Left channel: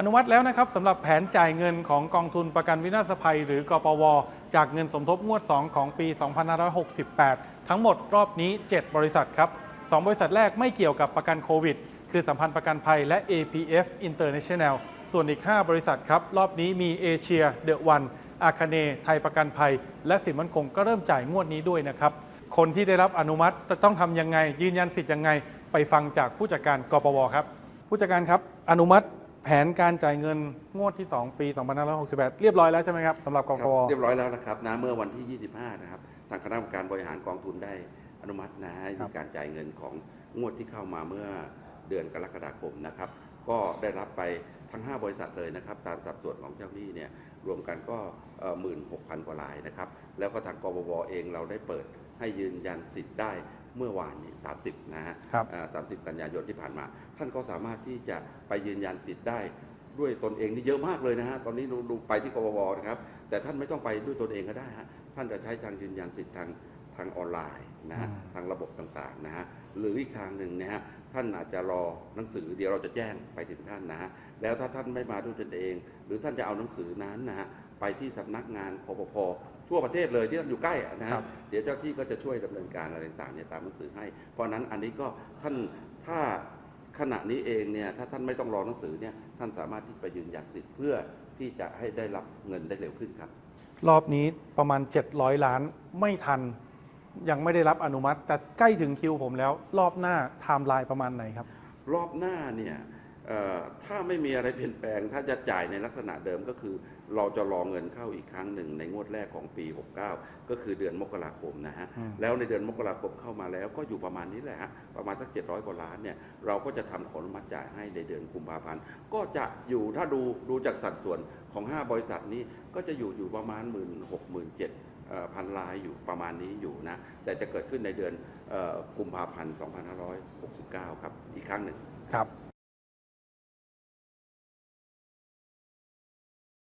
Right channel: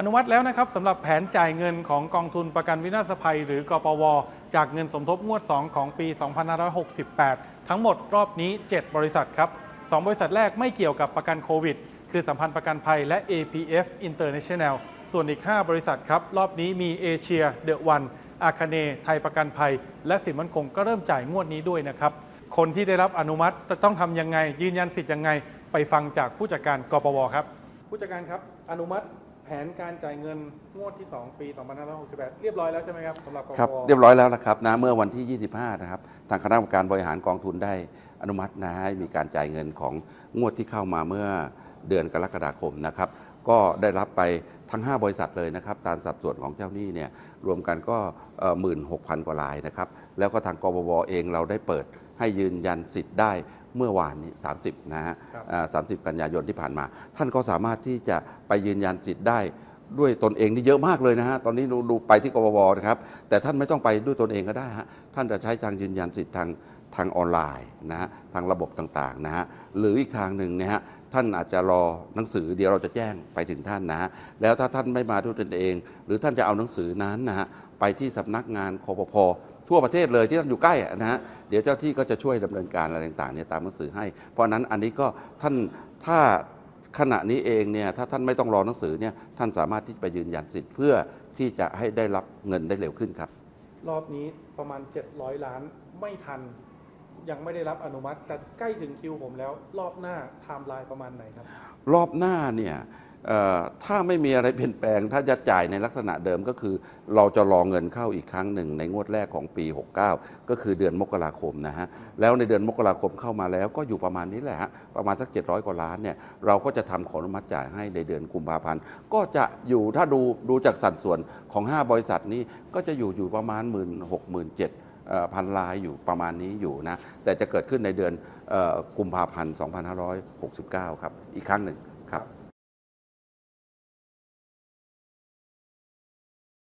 อนุมัติแล้วนะครับสำหรับแผนจ่ายเงินของกองทุนประกันวินาศภัย หรือกปว จากเงินสมทบงวด 2 ของปี 2568 ทั้งหมดรอบนี้ 7 บริษัทครับ 2 บริษัทแรกไม่เกี่ยวกับประกันโควิด คือสัมพันธ์ประกันภัยและ APF International ส่วนอีก 5 บริษัทครับ รอบนี้มีเอเชียเดอะวันอาคาเน ไทยประกันภัย และสินมั่นคงก็เริ่มจ่ายงวดนี้ด้วยนะครับ คนที่ได้รับอนุมัติจะต้องทำยังไงยืนยันสิทธิ์ยังไง ไปฟังจากผู้จัดการกปวครับ ผู้จัดการครับอนุมัติ ผนการจ่ายเงินงวดที่ 2 ปี 2568เรียบร้อยแล้วใช่ไหมครับสำหรับกครับปวเรียบร้อยแล้วนะครับนะเมื่อวันที่ 25 นะครับ ทางคณะกรรมการบริหารกองทุนได้อนุมัตินะให้มีการจ่ายเงินของงวดที่เข้ามาเมื่อเดือนกรกฎาคมนะครับ ก็ได้รับไปทั้ง 5 บริษัทเลยนะครับ ตามสัดส่วนของเจ้าหนี้เนี่ยรวมกันก็หมื่นหกพันกว่ารายนะครับ แล้วก็ทางกบวเองเราได้เปิดให้ยืนยันสิทธิ์ได้ เมื่อวานนี้ 30 นะฮะครับอ่า30กันยายนที่ผ่านมา ท่านก็สามารถที่จะไปยืนยันสิทธิ์ได้ด้วยตนเองนี่เยอะมากเลยนะฮะ ตอนนี้ดูดูไปที่กบวนะครับ แต่ท่านไม่ต้องไปด้วยตนเองก็ได้ฮะ ท่านจะใช้ทางยืนยันสิทธิ์ทางทางออนไลน์นะฮะ ทางระบบต่างๆนะฮะ หรืออีกทางหนึ่งนะฮะ ท่านอาจจะรอหนังสือเดี๋ยวเราจะแจ้งไปถึงท่านนะฮะ แล้วถ้าท่านไม่มาด้วยตนเอง หรือท่านจะเอาหนังสือนั้นนะฮะ ไปที่สำนักงานคอปพทั่วประเทศเลยที่ท่านอยู่ใกล้อะนะครัฮะบ เดี๋ยวเจ้าที่ก็จะช่วยดำเนินการอะไรต่างๆเนี่ยตามหนังสือให้ เพราะฉะนั้นอันนี้ก็ท่านถ้าขณะนี้เองเนี่ยถ้าท่านไม่ต้องรอหนังสือเนี่ยท่านสามารถที่ไปยืนยันสิทธิ์เพื่อที่จะให้ได้รับเงินได้เร็วขึ้นครับ รอบนี้ประมาณ 700 ล้านไม่ทันยังไม่ได้รับอนุมัติ แต่ใกล้ถึงคิวผมแล้ว รอบหน้าไทม์ไลน์ประมาณไหนครับ รอบหน้าเนี่ยเอ่อ ถ้าไม่มีอะไรเปลี่ยนแปลง ถ้าจะจ่ายในลักษณะเดิมก็คือ เราจะรอเงินเข้าอีกครั้งหนึ่งในงวดแรกของปี 69 ก็คือเดือนมกราคมนะฮะอืมแล้วในเดือนมกราคมเข้ามาแล้วก็อยู่ประมาณนี้แหละฮะประมาณสัก 700 กว่าล้านเนี่ยเราก็จะทำขออนุมัติจ่ายให้ในเดือนกุมภาพันธ์ก็จะอยู่ถ้าดูดูจากสัดส่วนของ 5 บริษัทนี้ก็จะอยู่อยู่ประมาณ 1 6 0 0 0 7พันลายอยู่ประมาณนี้อยู่นะ แต่จะเกิดขึ้นในเดือนเอ่อกุมภาพันธ์ 2569 ครับ อีกครั้งหนึ่งครับ